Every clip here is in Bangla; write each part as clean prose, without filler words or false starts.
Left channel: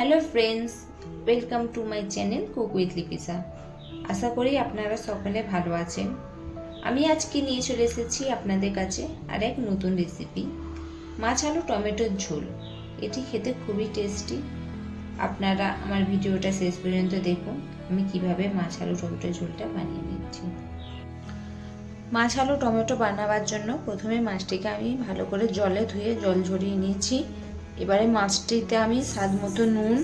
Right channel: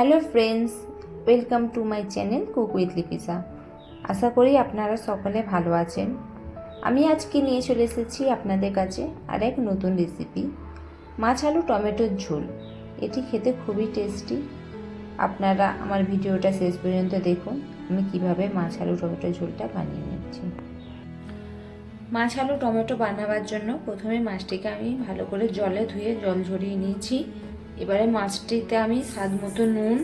Hello friends, welcome to my channel cook with Lipisa. আশা করি আপনারা সকলে ভালো আছেন। আমি আজকে নিয়ে চলে এসেছি আপনাদের কাছে আর এক নতুন রেসিপি, মাছ আলু টমেটোর ঝোল। এটি খেতে খুবই টেস্টি। আপনারা আমার ভিডিওটা শেষ পর্যন্ত দেখুন আমি কিভাবে মাছ আলু টমেটোর ঝোলটা বানিয়ে নিচ্ছি। মাছ আলু টমেটো বানাবার জন্য প্রথমে মাছটিকে আমি ভালো করে জলে ধুয়ে জল ঝরিয়ে নিয়েছি। এবারে মাছটিতে আমি স্বাদ মতো নুন,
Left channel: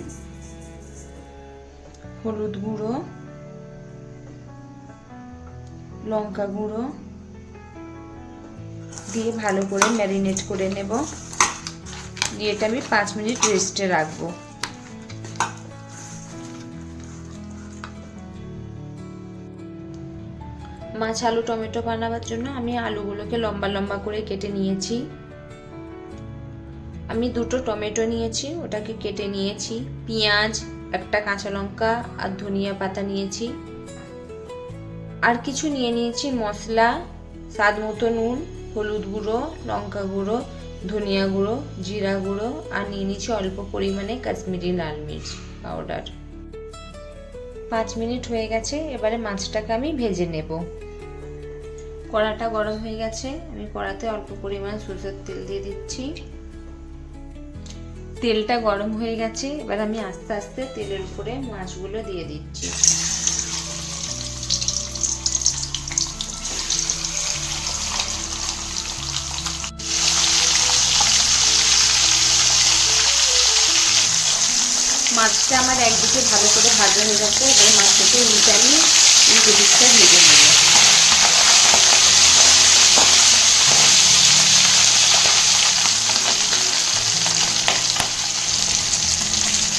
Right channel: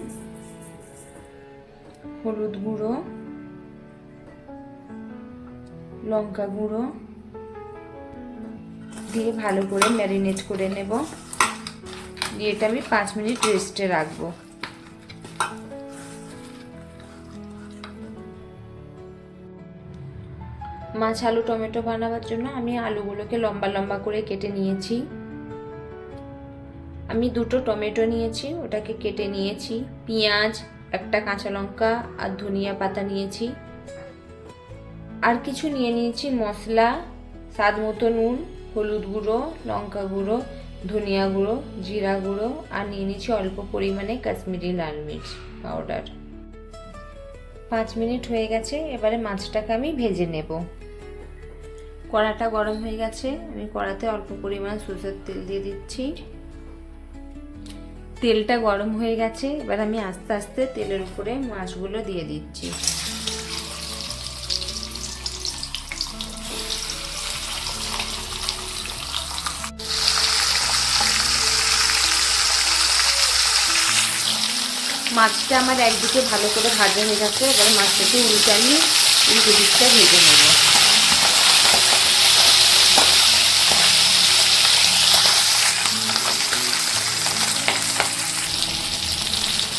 হলুদ গুঁড়ো, লঙ্কা গুঁড়ো দিয়ে ভালো করে ম্যারিনেট করে নেব। দিয়ে এটা আমি 5 মিনিট রেস্টে রাখবো। মাছ আলু টমেটো বানাবার জন্য আমি আলুগুলোকে লম্বা লম্বা করে কেটে নিয়েছি। আমি 2টো টমেটো নিয়েছি, ওটাকে কেটে নিয়েছি। পেঁয়াজ, একটা কাঁচা লঙ্কা আর ধনিয়া পাতা নিয়েছি। আর কিছু নিয়ে নিয়েছি মশলা, স্বাদ মতো নুন, হলুদ গুঁড়ো, লঙ্কা গুঁড়ো, ধনিয়া গুঁড়ো, জিরা গুঁড়ো আর নিয়ে নিয়েছি অল্প পরিমাণে কাশ্মীরি লাল মির্চ পাউডার। 5 মিনিট হয়ে গেছে, এবারে মাছটাকে আমি ভেজে নেব। কড়াটা গরম হয়ে গেছে, আমি কড়াতে অল্প পরিমাণ সরষের তেল দিয়ে দিচ্ছি। তেলটা গরম হয়ে গেছে, এবার আমি আস্তে আস্তে তেলের উপরে মাছগুলো দিয়ে দিচ্ছি। মাছটা আমার একদিকে ভালো করে ভাজা হয়ে গেছে, এবার মাছটাকে উল্টানিয়ে উল্টো দিকটা ভেজে নেব।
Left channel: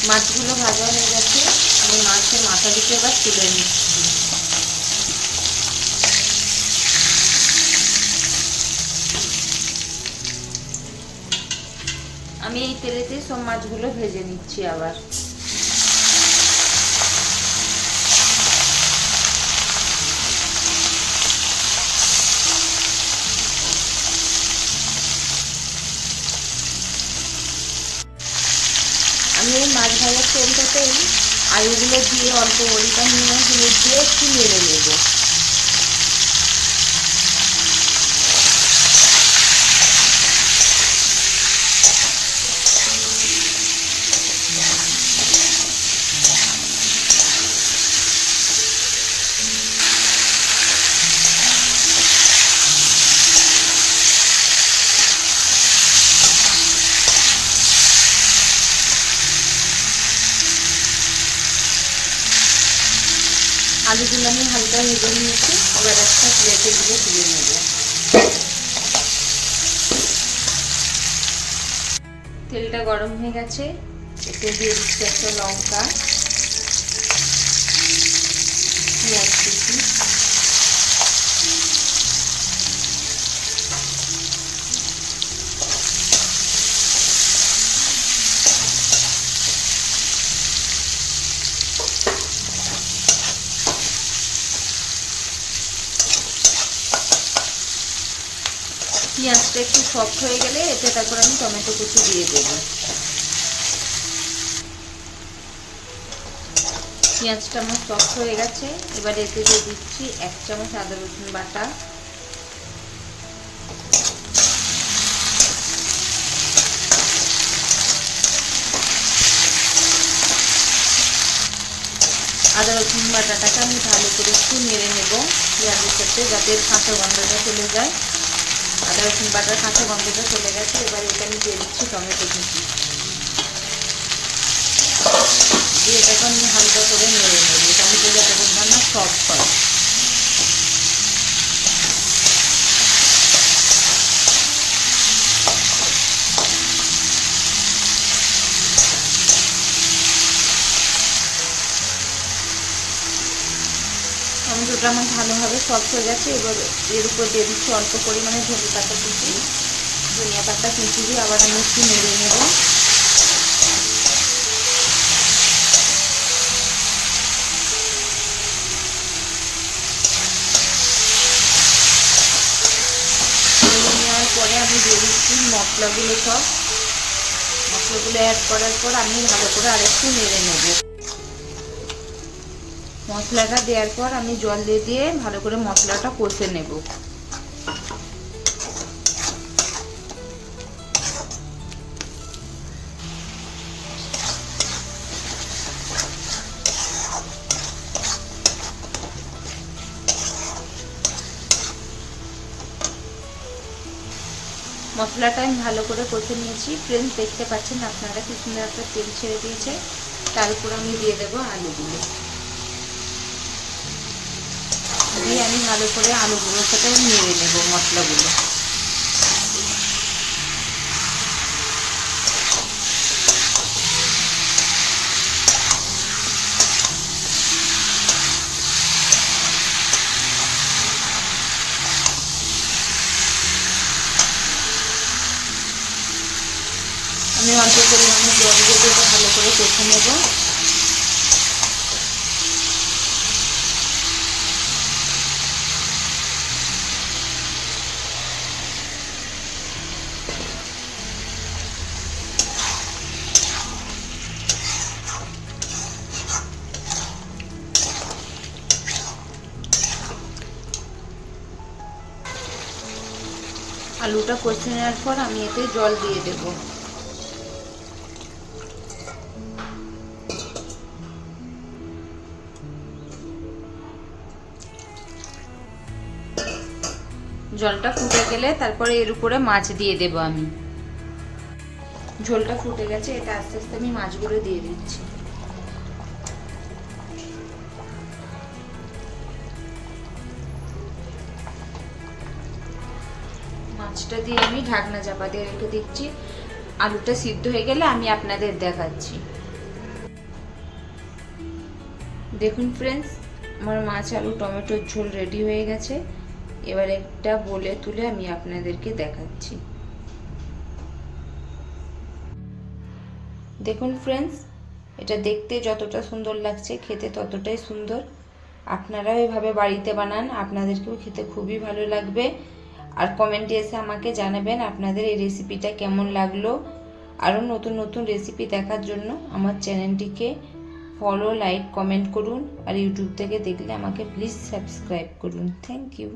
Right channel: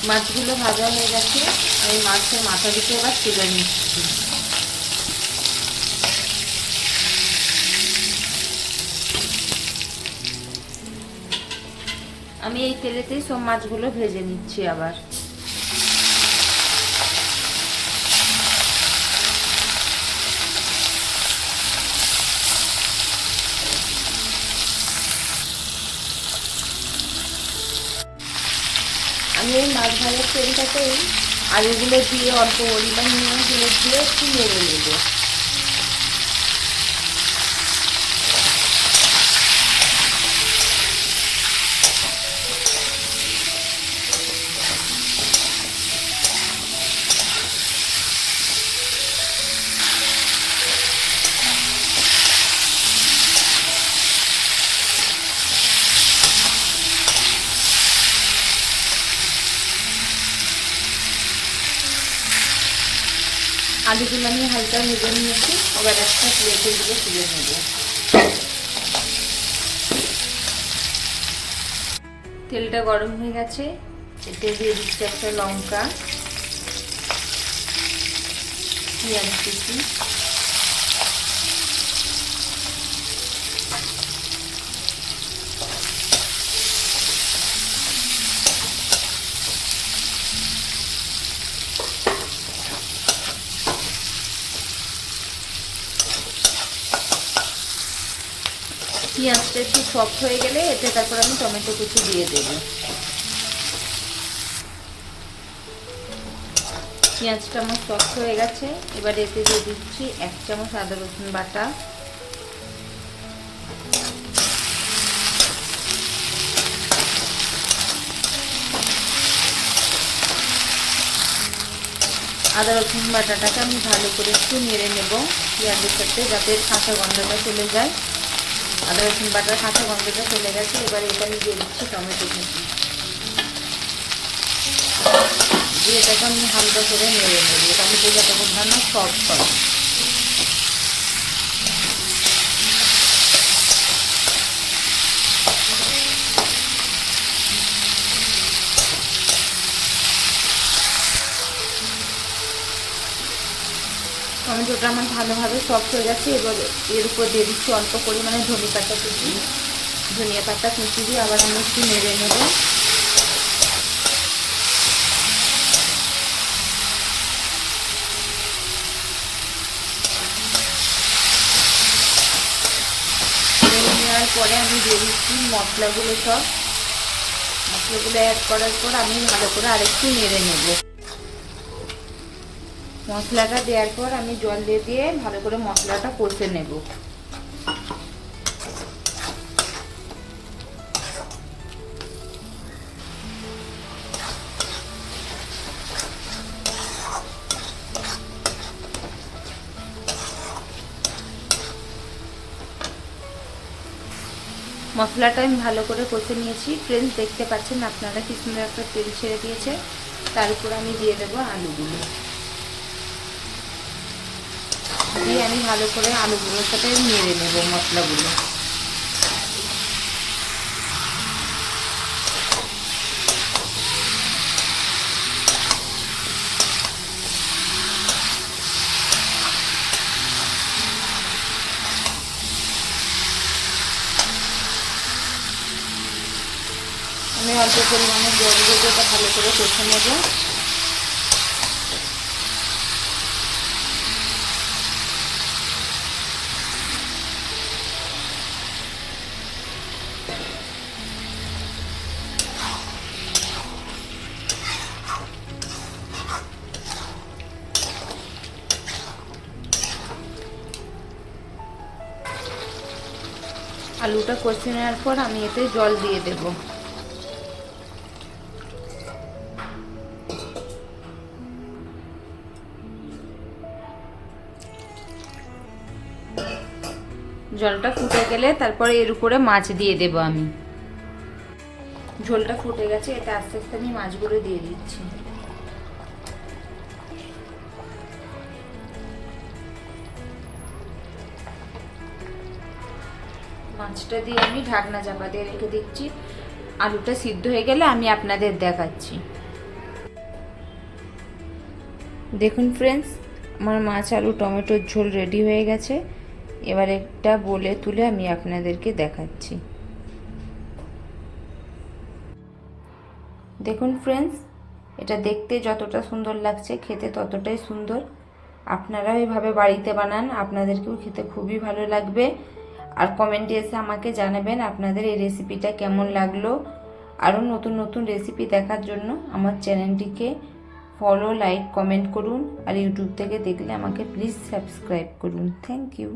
মাছগুলো ভাজা হয়ে গেছে, আমি মাছের মাথা দিকে এবার তুলে নিচ্ছি। আমি এই তেলেতেই সব মাছগুলো ভেজে নিচ্ছি। আবার আমি এই মাছ ভাজার তেলটাতেই আলুগুলো দিয়ে অল্প পরিমাণ নুন হলুদ দিয়ে একটু নেড়ে নেব। আলুগুলো আমি হালকা ভেজে নিয়েছি, এবার একটা প্লেটে দিয়ে তুলে নেব। তেলটা গরম হয়ে গেছে, এতে দিয়ে দিচ্ছি একটা লঙ্কা, পেঁয়াজ কুচি, পেঁয়াজটা একটু সফট হয়ে গেলে এতে তারপর আমি টমেটো কুচি দিয়ে দেব। পেঁয়াজটা আমার সফট হয়ে গেছে, এবার এতে দিয়ে দিচ্ছি 1 চামচ আদা রসুন বাটা, আদা রসুন বাটাটাকে আমি ভালো করে একটু নেড়ে নেব পেঁয়াজের সাথে, যাতে কাঁচা গন্ধটা চলে যায়। আদা রসুন বাটার কাঁচা গন্ধটা চলে গেছে, এবার এটা আমি দিয়ে দিচ্ছি টমেটো কুচি দিয়ে এটাকে আমি হালকা করে নেড়ে নেব। টমেটো যাতে বোঝানো না সফট হয়। টমেটোটা আমার ভালোভাবে সফট হয়ে গেছে, এবার এর উপর দিয়ে দিচ্ছি অল্প পরিমাণে ধনিয়া পাতা কুচি দিয়ে আবার আমি একটু নেড়ে নেব। নেড়ে নেওয়ার পরে আমি দিয়ে দিচ্ছি মশলাগুলো, সব মশলাগুলো অ্যাড করার পর আমি ভালো করে আরেকটু নেড়ে নেব। মশলাটা দেওয়ার পর আমি জল দিয়ে ভালো করে মশলাটা কষে নেব। মশলাটা আমি ভালো করে কষে নিয়েছি। ফ্রেন্ডস, দেখতে পাচ্ছেন আপনারা কি সুন্দর একটা তেল ছেড়ে দিয়েছে। তার উপর আমি দিয়ে দেবো আলুগুলো। দিয়ে আমি ভালো করে আলুগুলোর সাথে নেড়ে নেব মশলাগুলো। আমি অল্প পরিমাণে জল দিয়ে এটা ভালো করে কষে নেব। আলুটা কষে নেওয়ার পর আমি এতে জল দিয়ে দেব। জলটা ফুটে গেলে তারপরে এর উপরে মাছ দিয়ে দেব আমি। ঝোলটা ফুটে গেছে, এটা আস্তে আস্তে আমি মাছগুলো দিয়ে দিচ্ছি। মাছটা দিয়ে আমি ঢাকনা চাপা দিয়ে রেখে দিচ্ছি। আলুটা সিদ্ধ হয়ে গেলে আমি আপনাদের দেখাচ্ছি। দেখুন ফ্রেন্ডস, আমার মাছ আলু টমেটোর ঝোল রেডি হয়ে গেছে। এবার একটা বলে তুলে আমি আপনাদেরকে দেখাচ্ছি। দেখুন ফ্রেন্ডস, এটা দেখতে যতটা সুন্দর লাগছে খেতে ততটাই সুন্দর। আপনারাও এভাবে বাড়িতে বানান, আপনাদেরকেও খেতে খুবই ভালো লাগবে। আর কমেন্টে এসে আমাকে জানাবেন আপনাদের এই রেসিপিটা কেমন লাগলো। আরও নতুন নতুন রেসিপি দেখার জন্য আমার চ্যানেলটিকে ফলো, লাইক, কমেন্ট করুন। আর ইউটিউব থেকে দেখলে আমাকে প্লিজ সাবস্ক্রাইব করুন। Thank you.